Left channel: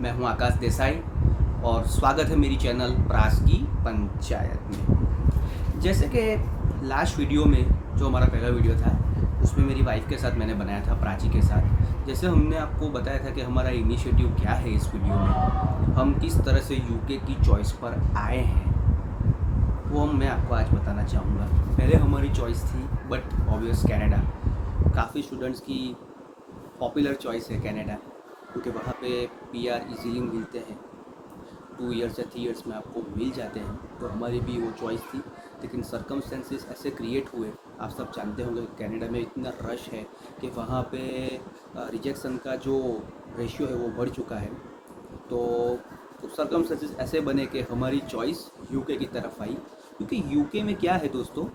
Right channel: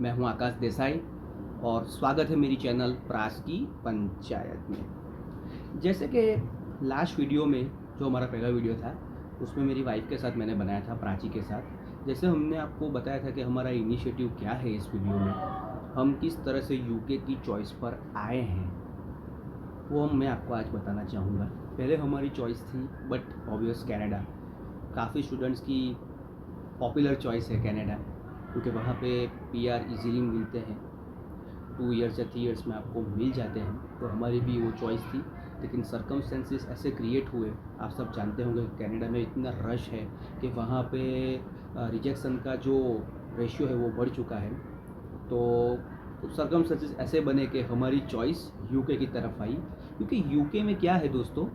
मैं हूं आकाश देसाई और स्वागत है मेरी चैनल प्रास की पंचायत में। जैसे कि लास्ट वीडियो में जो हमारा पहला वीडियो था उसमें मेरी वाइफ के साथ मैंने बनाया था, प्राची के साथ। जैसे हमने आपको बताया था कि हमारा इनिशिएटिव क्या है इस वीडियो में, हम किस तरह से यूके की चॉइस पर आए हैं, वो मैं आपको आज बताना चाहूँगा। पहले हमारी चॉइस थी बट ऑब्वियस कनाडा। काफ़ी स्टूडेंट्स की पॉपुलर चॉइस है कनाडा, क्योंकि वहाँ पे पीआर इजीली मिलते हैं, 2 इयर्स या 3 इयर्स में आपको मिल जाते हैं। तो हमारी भी वो चॉइस थी, लेकिन सर्कमस्टेंसेस ऐसे क्रिएट हुए। आप सब जानते होंगे कनाडा में इतना रश है कि वहाँ पे रिजेक्शन का जो रेशियो है वो बढ़ चुका है। तो कुछ सर्कमस्टेंसेस ऐसे बने कि हमारी चॉइस यूके की तरफ आई, क्योंकि यूके में क्या है दोस्तों,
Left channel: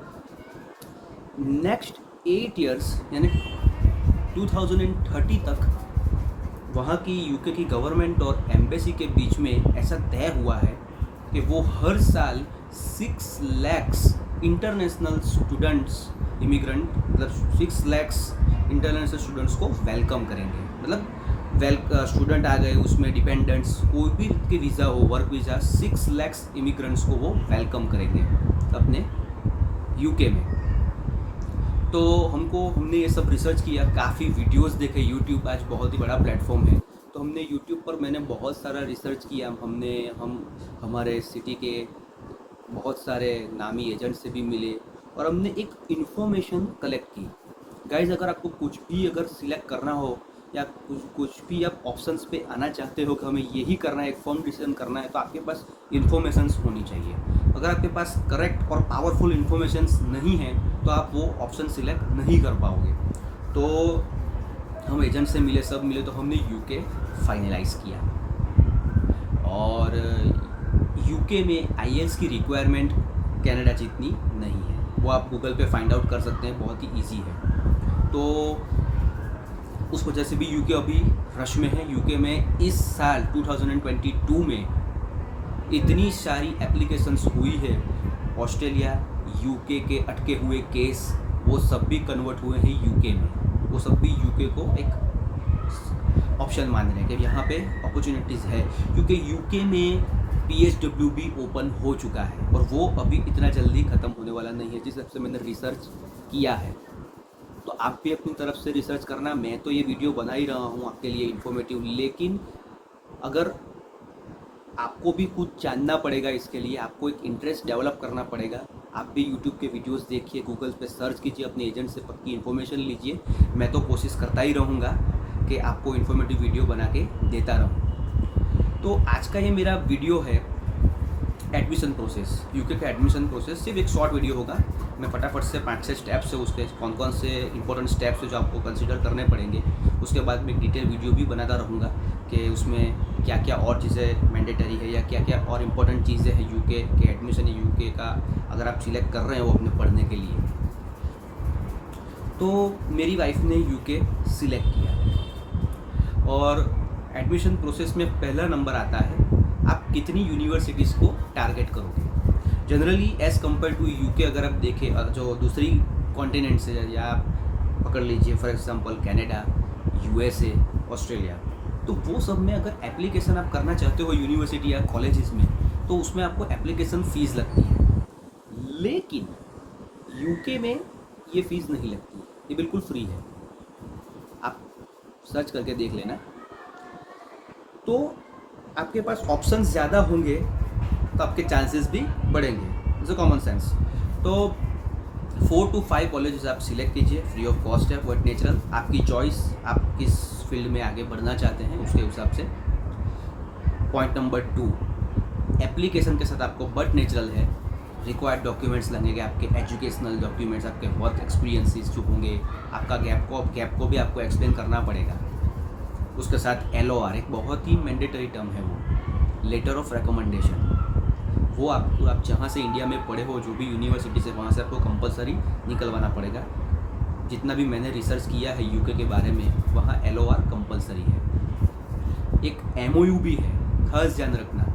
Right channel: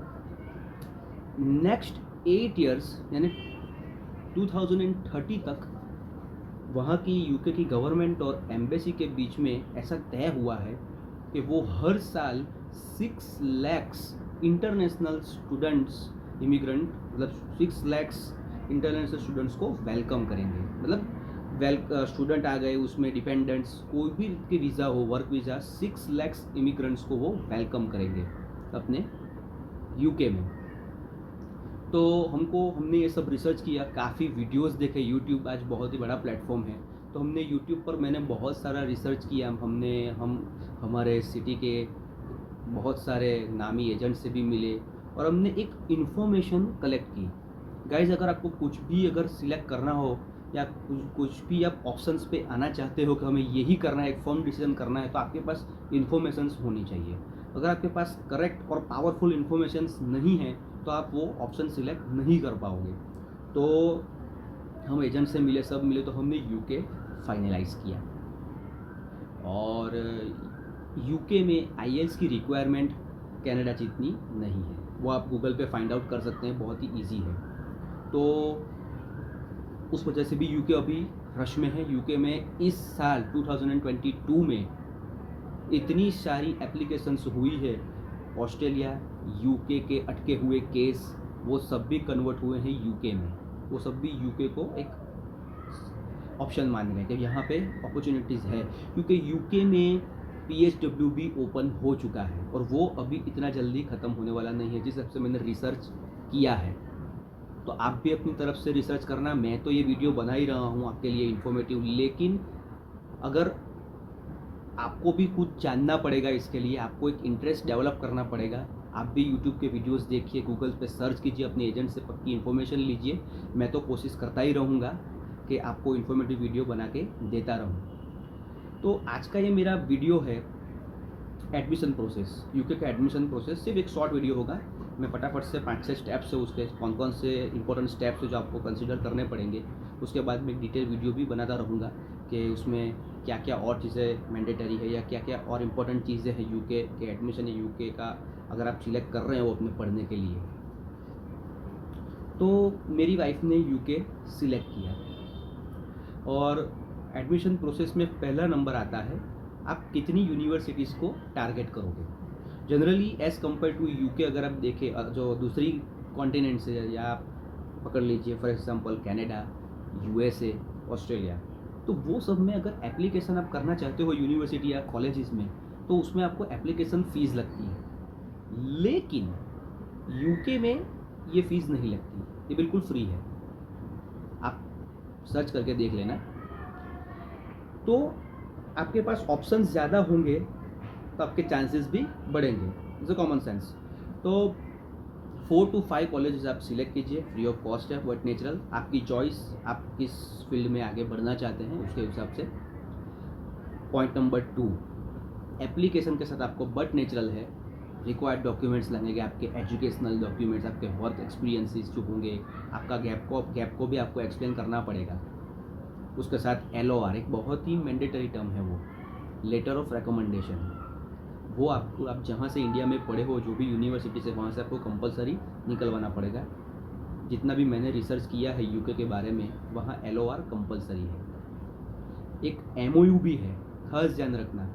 नेक्स्ट 8 इयर्स यानी 2030 तक वहाँ की यूके की गवर्नमेंट और एम्बेसी के बीच में ऐसा तय हुआ है कि वो हर साल 6 लाख इंटरनेशनल स्टूडेंट्स, इमिग्रेंट मतलब 6 लाख इंटरनेशनल स्टूडेंट्स को वेलकम करेंगे। मतलब स्टूडेंट आ गए, उसमें डिपेंडेंट्स कोई भी के वीज़ा हो, वर्क वीज़ा, 6 लाख इमिग्रेंट्स को वो वेलकम करेंगे अपने यूके में। तो हमने ये सब रिसर्च किया, काफ़ी वीडियोस देखे। यूट्यूब आज बहुत ही बड़ा प्लेटफॉर्म है, तो हमने यूट्यूब पर मैंने बहुत सारा रिसर्च किया। हम हमारे सिटी के बहुत सारे नामी एजेंट से भी मिले और हमने एक इन्फॉर्मेशन कलेक्ट की। गाइज, अगर आपको कुछ भी अगर सिलेक्ट करना हो या कुछ भी आप ऑप्शंस पे आना चाहते हो कि हमें यही करना है, एक फर्म डिसीजन करना है, तो आपके पास इन्फॉर्मेशंस होनी चाहिए। अगर आपके पास करेक्ट और पावरफुल इन्फॉर्मेशंस नहीं है तो आप वो ऑप्शन सिलेक्ट नहीं कर पाओगे। तो हम एजेंट से मिले, सब मिले, तो हमने यूके फाइनलाइज किया। और यूके में आईएलटीएस की रिक्वायरमेंट कनाडा जितनी नहीं है, वो आप गूगल पे फाइंड आउट कर सकते हैं, बहुत ही ईजी है। तो उस वजह से भी यूके अभी रश में है। यूके में इस साल 2022 में इतनी सारी एप्लीकेशंस हुई है। ऑस्ट्रेलिया, यूके के अटके हुए केस वो सब भी कन्वर्ट हुए हैं यूके में। वो सब भी यूके को एक ऑप्शन मान रहे हैं कि यहाँ पे अपॉर्चुनिटीज़ है, क्योंकि यूके में PHW भी ओपन हो चुका है और वो अभी इतना जल्दी ख़त्म होने वाला नहीं है, जिस हिसाब से मैंने रिसर्च किया है। तो आप भी अपनी तरफ से रिसर्च करना। मैं तो ये वीडियो बना ही रहा हूँ आपके लिए इन्फॉर्मेटिव, लेकिन अगर आपको भी कुछ जानना पड़ेगा, इसके लिए आपको एक इंटरेस्ट डेवलप करना पड़ेगा। आप भी यूट्यूब के वीडियोस देखिए, गूगल पे सर्च कीजिए, अपने एजेंट से पक्की इन्फॉर्मेशन लीजिए। मैं तो कोशिश करता ही रहूँगा कि आपको इन्फॉर्मेटिव वीडियो बना के देता रहूँ। तो आज का ये मेरा वीडियो है एडमिशन प्रोसेस, यूके का एडमिशन प्रोसेस। सिर्फ एक शॉर्ट वीडियो होगा। मैं फटाफट से 5-6 स्टेप्स है उसके, कौन कौन से इंपॉर्टेंट स्टेप्स है जो आपको कंसिडर करने पड़ेंगे। उसके बाद मैं एक डिटेल वीडियो भी बनाता रहूँगा कि उसमें क्या क्या और चीज़ें मैंडेटरी है या क्या क्या और इम्पोर्टेंट चीज़ें हैं यूके के एडमिशन या यूके का अगर आप सिलेक्ट कर रहे हैं वो अपने पढ़ने के लिए। तो मेरी वाइफ ने यूके सिलेक्ट किया और एडमिशन प्रोसेस में पहला नंबर आता है आप कितनी यूनिवर्सिटीज़ को टारगेट करोगे। Generally as compared to UK अगर आप देखें जो दूसरी कॉन्टिनेंट से, या आप पकड़ लीजिए for example Canada, USA, Australia, तो वो सब में अगर एप्लीकेशन आप करना चाहते हो यूनिवर्सिटी या कॉलेजेस में, तो उसमें आपको एप्लीकेशन फ़ीस लगती है। लेकिन यूके में ये फ़ीस नहीं लगती, ये बिल्कुल फ्री है। आप सर्च करके देख लेना। तो आपके पास ऑप्शंस ज़्यादा होंगे तो आपके चांसेस भी बढ़ेंगे। It's a common sense. तो 4 to 5 कॉलेजेस आप सिलेक्ट कीजिए, फ्री ऑफ कॉस्ट है, बट नेचुरल, आपकी चॉइस, आप किस फील्ड में आगे बढ़ना चाहते हैं उसके हिसाब से। पॉइंट नंबर 2, एप्लीकेशन के साथ आपको बट नेचुरल है रिक्वायर्ड डॉक्यूमेंट्स लगेंगे, आपके एजुकेशनल डॉक्यूमेंट्स, आपके वर्क एक्सपीरियंसेस जो होंगे, आपका गैप को भी आपको एक्सप्लेन करना पड़ेगा। उसके साथ LOR, एक बहुत ही मैंडेटरी टर्म है वो, लेटर ऑफ रिकमेंडेशन, वो आपको, आप जहाँ से इंडिया में पढ़े हो, जो भी यूनिवर्सिटी से, वहाँ से आपको कंपलसरी निकलवाना पड़ेगा। जितना भी मैंने रिसर्च किया है यूके के बारे में, वहाँ LOR कंपलसरी है। एक MOU भी है, खास ध्यान रखना।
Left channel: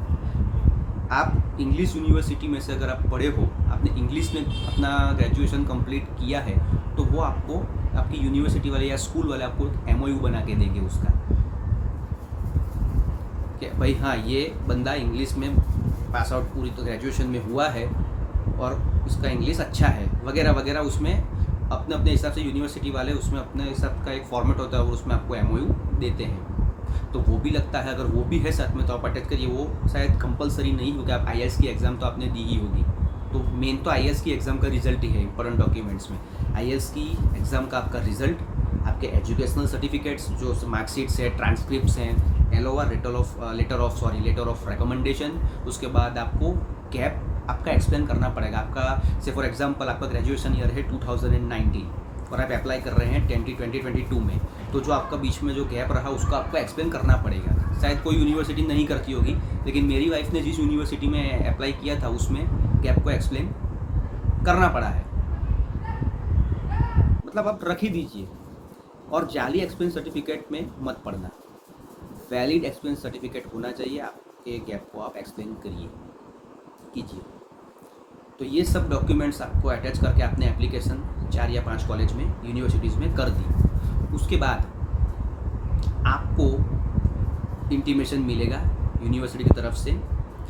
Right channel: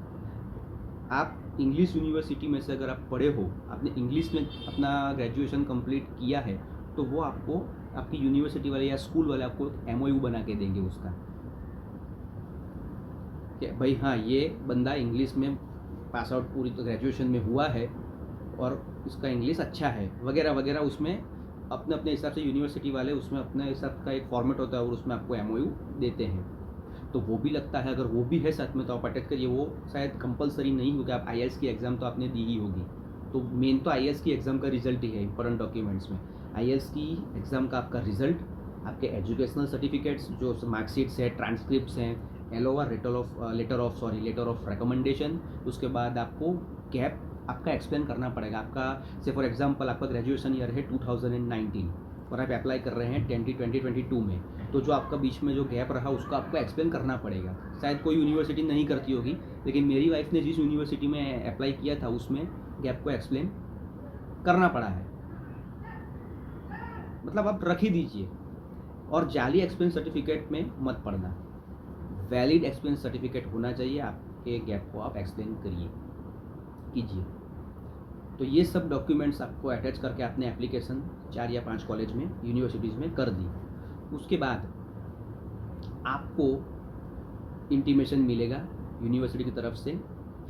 आप इंग्लिश यूनिवर्सिटी में से अगर आप पढ़े हो, आपने इंग्लिश में अपना ग्रेजुएशन कंप्लीट किया है, तो वो आपको आपकी यूनिवर्सिटी वाले या स्कूल वाले आपको एक MOU बना के देंगे उसका। कि भाई हाँ ये बंदा इंग्लिश में पास आउट पूरी तो ग्रेजुएशन में हुआ है और उसका इंग्लिश अच्छा है वगैरह वगैरह। उसमें अपने अपने हिसाब से यूनिवर्सिटी वाले उसमें अपने हिसाब का एक फॉर्मेट होता है और उसमें आपको एमओयू देते हैं, तो वो भी लगता है। अगर वो भी है साथ में तो आप अटैच करिए। वो शायद कंपलसरी नहीं होगा, आप आईएएस की एग्ज़ाम तो आपने दी ही होगी, तो मेन तो आईएएस की एग्ज़ाम का रिजल्ट ही है इंपॉर्टेंट डॉक्यूमेंट्स में। आईएएस की एग्ज़ाम का आपका रिजल्ट, आपके एजुकेशनल सर्टिफिकेट्स जो मार्कशीट्स है, ट्रांसक्रिप्ट्स हैं, एलओआर लेटर ऑफ रिकमेंडेशन। उसके बाद आपको गैप आपका एक्सप्लेन करना पड़ेगा। आपका से फॉर एग्जांपल आपका ग्रेजुएशन ईयर है 2019 और आप अप्लाई कर रहे हैं 2022 में, तो जो आपका बीच में जो गैप रहा उसको आपको एक्सप्लेन करना पड़ेगा। शायद कोई यूनिवर्सिटी नहीं करती होगी, लेकिन मेरी वाइफ ने जिस यूनिवर्सिटी में अप्लाई किया था उसमें गैप को एक्सप्लेन करना पड़ा है। मतलब आप रख ही दीजिए। और जाली एक्सपीरियंस सर्टिफिकेट में मत पढ़ना, वैलिड एक्सपीरियंस सर्टिफिकेट होना चाहिए। आपके गैप को आप एक्सप्लेन कीजिए। तो ये सब डॉक्यूमेंट्स आपको अटैच करके आपने एप्लीकेशन 4 या 5 कॉलेज में, यूनिवर्सिटीज़ में कर दी। उसके बाद आपको इंटीमेशन मिलेगा यूनिवर्सिटी की तरफ से।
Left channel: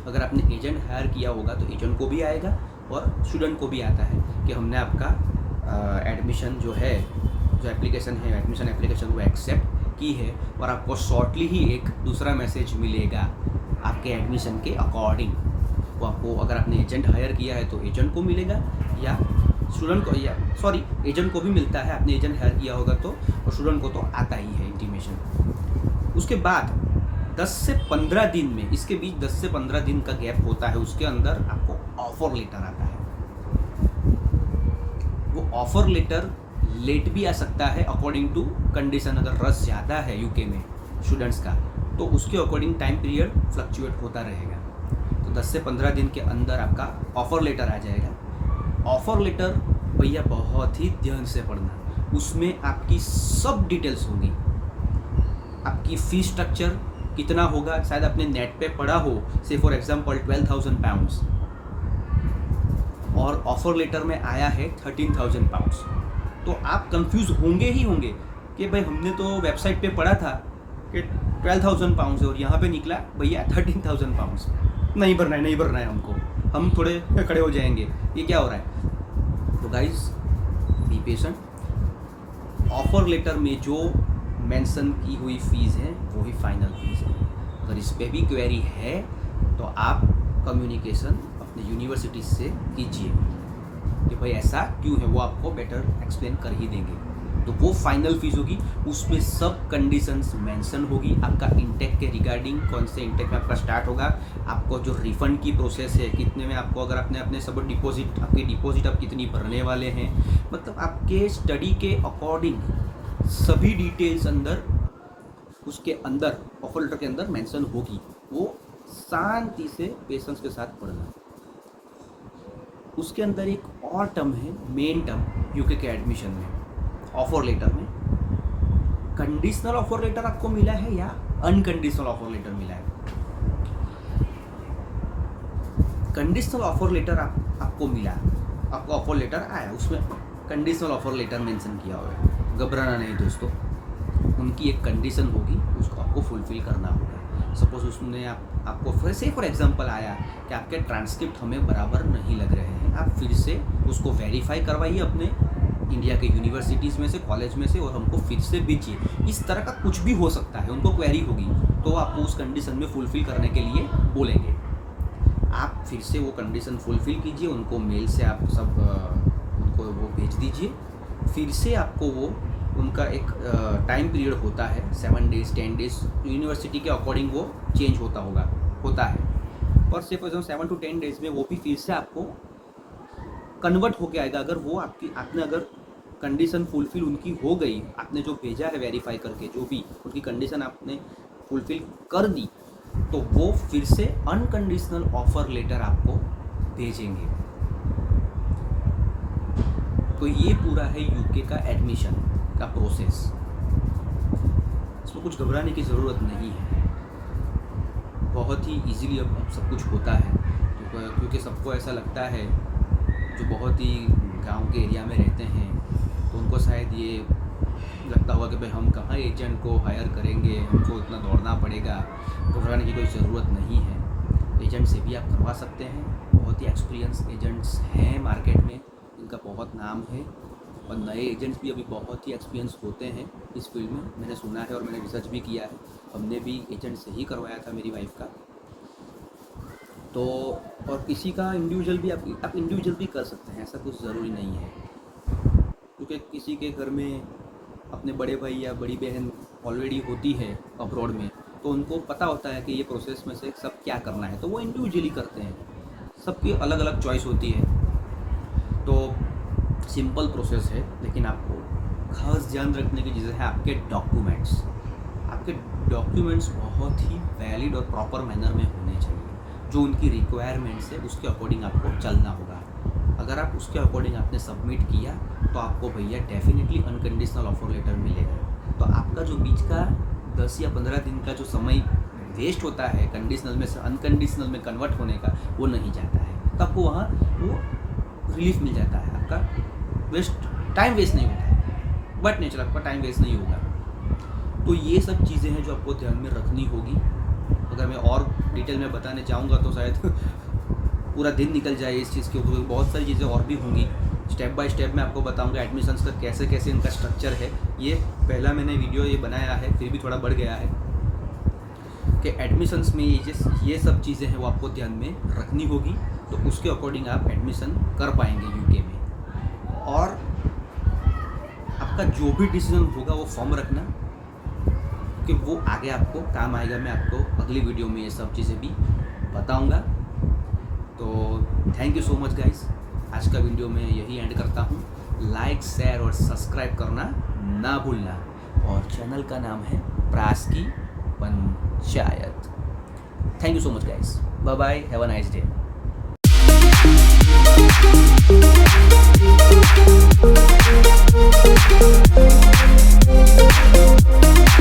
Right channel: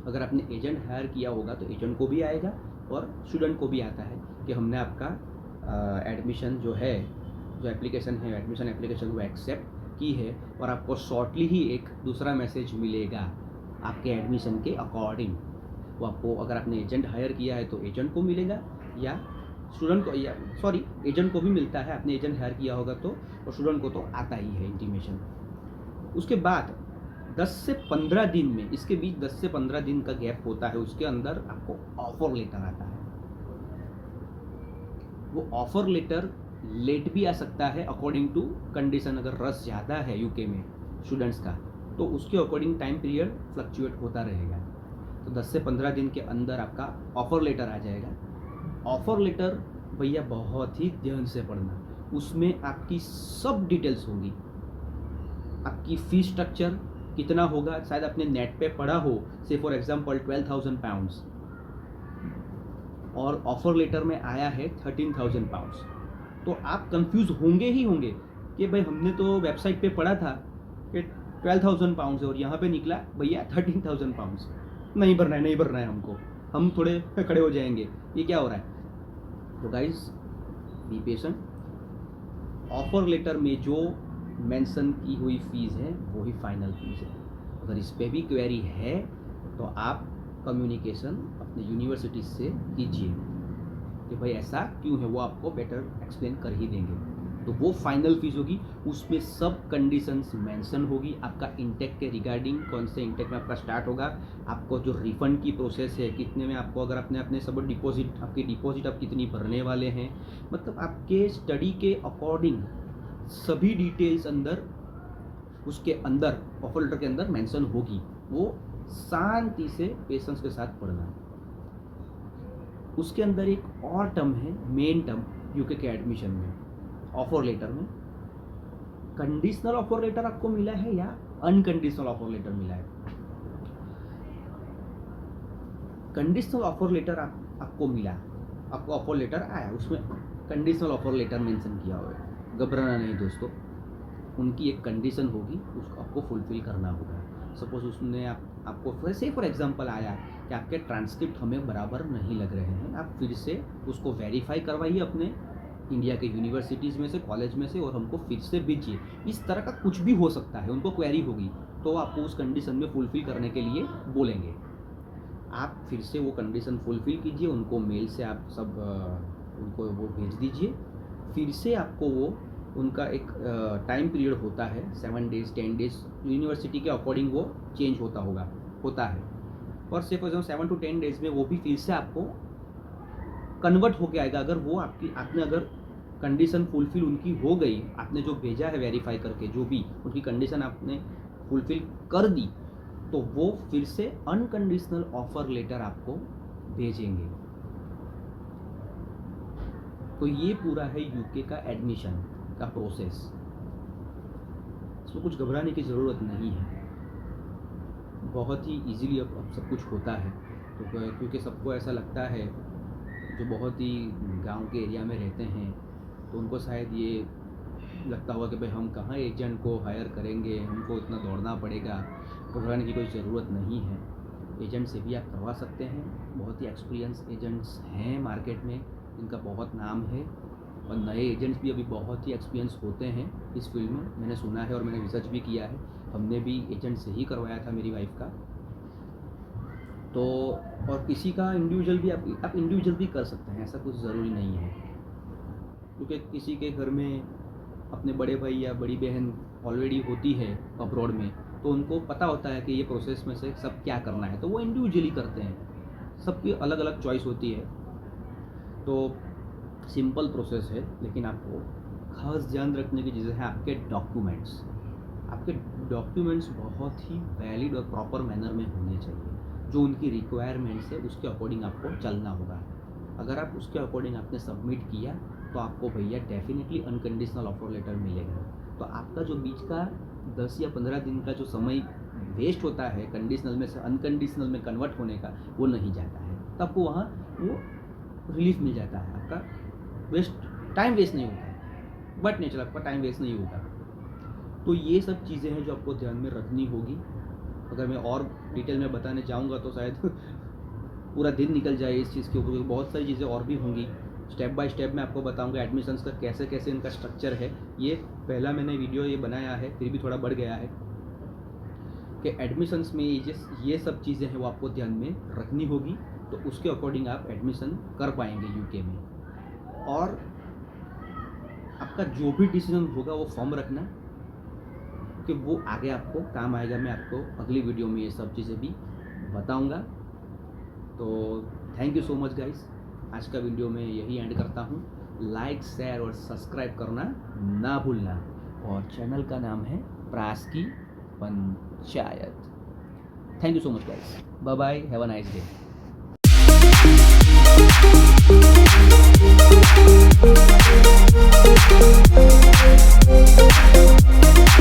अगर आपने एजेंट हायर किया होगा तो एजेंट को भी आएगा और स्टूडेंट को भी आता है कि हमने आपका एडमिशन जो है, जो एप्लीकेशन है, एडमिशन एप्लीकेशन वो एक्सेप्ट की है। और आपको शॉर्टली ही एक दूसरा मैसेज मिलेगा आपके एडमिशन के अकॉर्डिंग। वो आपको, अगर आपने एजेंट हायर किया है तो एजेंट को मिलेगा, या स्टूडेंट को, या सॉरी एजेंट को भी मिलता है। आपने एजेंट हायर किया होगा तो, और स्टूडेंट को तो आता ही है इंटीमेशन। उसके बाद 10 से 15 दिन में, इसके बीच 10 से 15 दिन का गैप होता है, उसके अंदर आपको ऑफर लेटर आता है। वो ऑफर लेटर लेट भी आ सकता है अकॉर्डिंग टू कंडीशन। अगर रश ज़्यादा है यूके में स्टूडेंट्स का तो उसके अकॉर्डिंग टाइम पीरियड फ्लक्चुएट होता रहेगा। तो 10 से 15 दिन के अंदर आपका ऑफ़र लेटर आ जाएगा। ऑफ़र लेटर भैया बहुत ही ध्यान से पढ़ना, उसमें आपकी सब डिटेल्स होंगी। आपकी फ़ीस स्ट्रक्चर कितना होगा, शायद आपने नेट पे पढ़ा हो, से फॉर एग्जांपल 12,000 पाउंड्स, और ऑफ़र लेटर में आया है 13,000 पाउंड्स। तो आप कंफ्यूज होंगे ही होंगे कि भाई हमने तो वेबसाइट पे पढ़ा था कि 12,000 पाउंड्स है और यहाँ पे निकला भैया 13,000 पाउंड्स। नहीं भरना है हमको, हम थोड़े खड़े हो जाएंगे, ये क्या हो रहा है। तो guys be patient. Offer letter में जो मेंशन की हुई फ़ीस है वो ही फाइनल फ़ीस है। अगर इस पर भी क्वेरी है तो आप कम्युनिकेशन अपने यूनिवर्सिटी से कीजिए कि भाई ऐसा क्यों है, वो आपको बेटर एक्सप्लेन कर ही देंगे। तो वो फाइनल फीस होगी, उसमें सब कंडीशंस मेंशन होगी। आपका इंटेक के रिगार्डिंग, कौन से इंटेक में आपका स्टार्ट होगा, आपको जो रिफ़ंड की प्रोसेस है, कितने में आपको, अगर आपने अपने सब डिपॉजिट, आपकी डिपॉजिट आप कितनी भरने वाले हैं, मतलब आपके स्टडी के अकॉर्डिंग सभी डिटेल्स अंदर, उसके अंदर ऑफर लेटर के अंदर मेंशन होगी। वो शांति से पेशेंस के साथ पढ़ना है। उसके अंदर एक और टर्म है, मेन टर्म यूके के एडमिशन में, ऑफर लेटर में, कंडीशनल ऑफर लेटर आपको मिला है या अनकंडीशनल ऑफर लेटर मिला है। कंडीशनल ऑफर लेटर आपको मिला, आपको ऑफर लेटर आया, उसमें कंडीशनल ऑफर लेटर मेंशन किया हुआ है। घबराना नहीं दोस्तों, उनकी एक कंडीशन होगी, उसको आपको फुलफिल करना होगा। सपोज उसने आपको फिर से फॉर एग्जांपल आया कि आपके ट्रांसक्रिप्ट हमें बराबर नहीं लग रहे हैं, आप फिर से उसको वेरीफाई करवाइए अपने इंडिया के यूनिवर्सिटीज़ में से, कॉलेज में से, और हमको फिर से भेजिए। इस तरह का कुछ भी हो सकता है, उनको क्वेरी होगी तो आपको उस कंडीशन में फुलफ़िल करने के लिए बोलेंगे। आप फिर से वो कंडीशन फुलफ़िल कीजिए, उनको मेल से आप सब उनको वो भेज दीजिए। फिर से आपको वो उनका एक टाइम पीरियड होता है, 7 डेज़ 10 डेज़, यूनिवर्सिटी के अकॉर्डिंग वो चेंज होता है। पर से फॉर एग्जाम्पल 7 to 10 डेज़ में वो भी फिर से आपको कन्वर्ट होके आएगा। अगर वो आपने अगर कंडीशन फुलफ़िल उनकी हो गई, आपने जो भेजा है वेरीफाई करके, जो भी उनकी कंडीशन आपने फुलफ़िल कर दी, तो वो फिर से अनकंडीशनल ऑफ़र लेटर आपको भेजेंगे। तो ये पूरा है यूके का एडमिशन का प्रोसेस। इसमें कुछ घबराने की ज़रूरत नहीं है, बहुत ही इजीली अब सब कुछ होता है। तो क्योंकि सबको ऐसा लगता है, जो बहुत ही गांव के एरिया में रहते हैं, तो उनको शायद ये लगता होगा कि भाई हम कहाँ एजेंट को हायर करेंगे, हमको इतना दौड़ना पड़ेगा, घबराने की कोई ज़रूरत नहीं है। एजेंट से भी आप करवा सकते हैं। बहुत ही एक्सपीरियंस एजेंट्स हैं मार्केट में, इनका बहुत नाम है, और नए एजेंट्स भी अभी बहुत ही एक्सपीरियंस होते हैं इस फील्ड में, मैंने सुना है और मैंने रिसर्च भी किया है। हमने भी एजेंट से ही करवाया था मेरी वाइफ का। तो और किसी का इंडिविजुअल भी आप इंडिविजुअल भी कर सकते हैं, ऐसा कुछ ज़रूरी नहीं है, क्योंकि किसी के घर में अपने बड़े भाई या बड़ी बहन ऑलरेडी होती है अब्रॉड में, तो उनको पता होता है कि ये प्रोसेस में से सब क्या करना है, तो वो इंडिविजुअली करते हैं। सबकी अलग अलग चॉइस होती है, तो सिंपल प्रोसेस है। लेकिन आपको खास ध्यान रखने की चीज़ें हैं आपके डॉक्यूमेंट्स। आपके डॉक्यूमेंट्स बहुत ही वैलिड और प्रॉपर मैनर में होने चाहिए। जो उनकी रिक्वायरमेंट्स है उसके अकॉर्डिंग आपको चलना होगा। अगर आप उसके अकॉर्डिंग आपने सबमिट किया तो आपको भैया डेफिनेटली अनकंडीशनल ऑफर लेटर मिलेगा। तो आपका जो बीच का 10 या 15 दिन का जो समय वेस्ट होता है कंडीशनल में से अनकंडीशनल में कन्वर्ट होने का, वो नहीं जाता है। तो आपको वहाँ वो रिलीफ मिल जाता है, आपका टाइम वेस्ट नहीं होता है, बट नेचर आपका टाइम वेस्ट नहीं होगा। तो ये सब चीज़ें हैं जो आपको ध्यान में रखनी होगी। अगर मैं और डिटेल में बताने जाऊँगा तो शायद पूरा दिन निकल जाए इस चीज़ के ऊपर। बहुत सारी चीज़ें और भी होंगी, स्टेप बाय स्टेप मैं आपको बताऊंगा एडमिशन्स का कैसे कैसे इनका स्ट्रक्चर है। ये पहला मैंने वीडियो ये बनाया है, फिर भी थोड़ा बढ़ गया है कि एडमिशन्स में ये सब चीज़ें हैं वो आपको ध्यान में रखनी होगी, तो उसके अकॉर्डिंग आप एडमिशन कर पाएंगे यूके में। और आपका जो भी डिसीजन होगा वो फॉर्म रखना, कि वो आगे आपको काम आएगा। मैं आपको अगली वीडियो में ये सब चीज़ें भी बताऊंगा। तो thank you so much guys, आज का वीडियो मैं यही एंड करता हूँ। लाइक, शेयर और सब्सक्राइब करना ना भूलना। और चैनल का नाम है प्रास की Panchayat. Thank you so much guys, bye bye, have a nice day.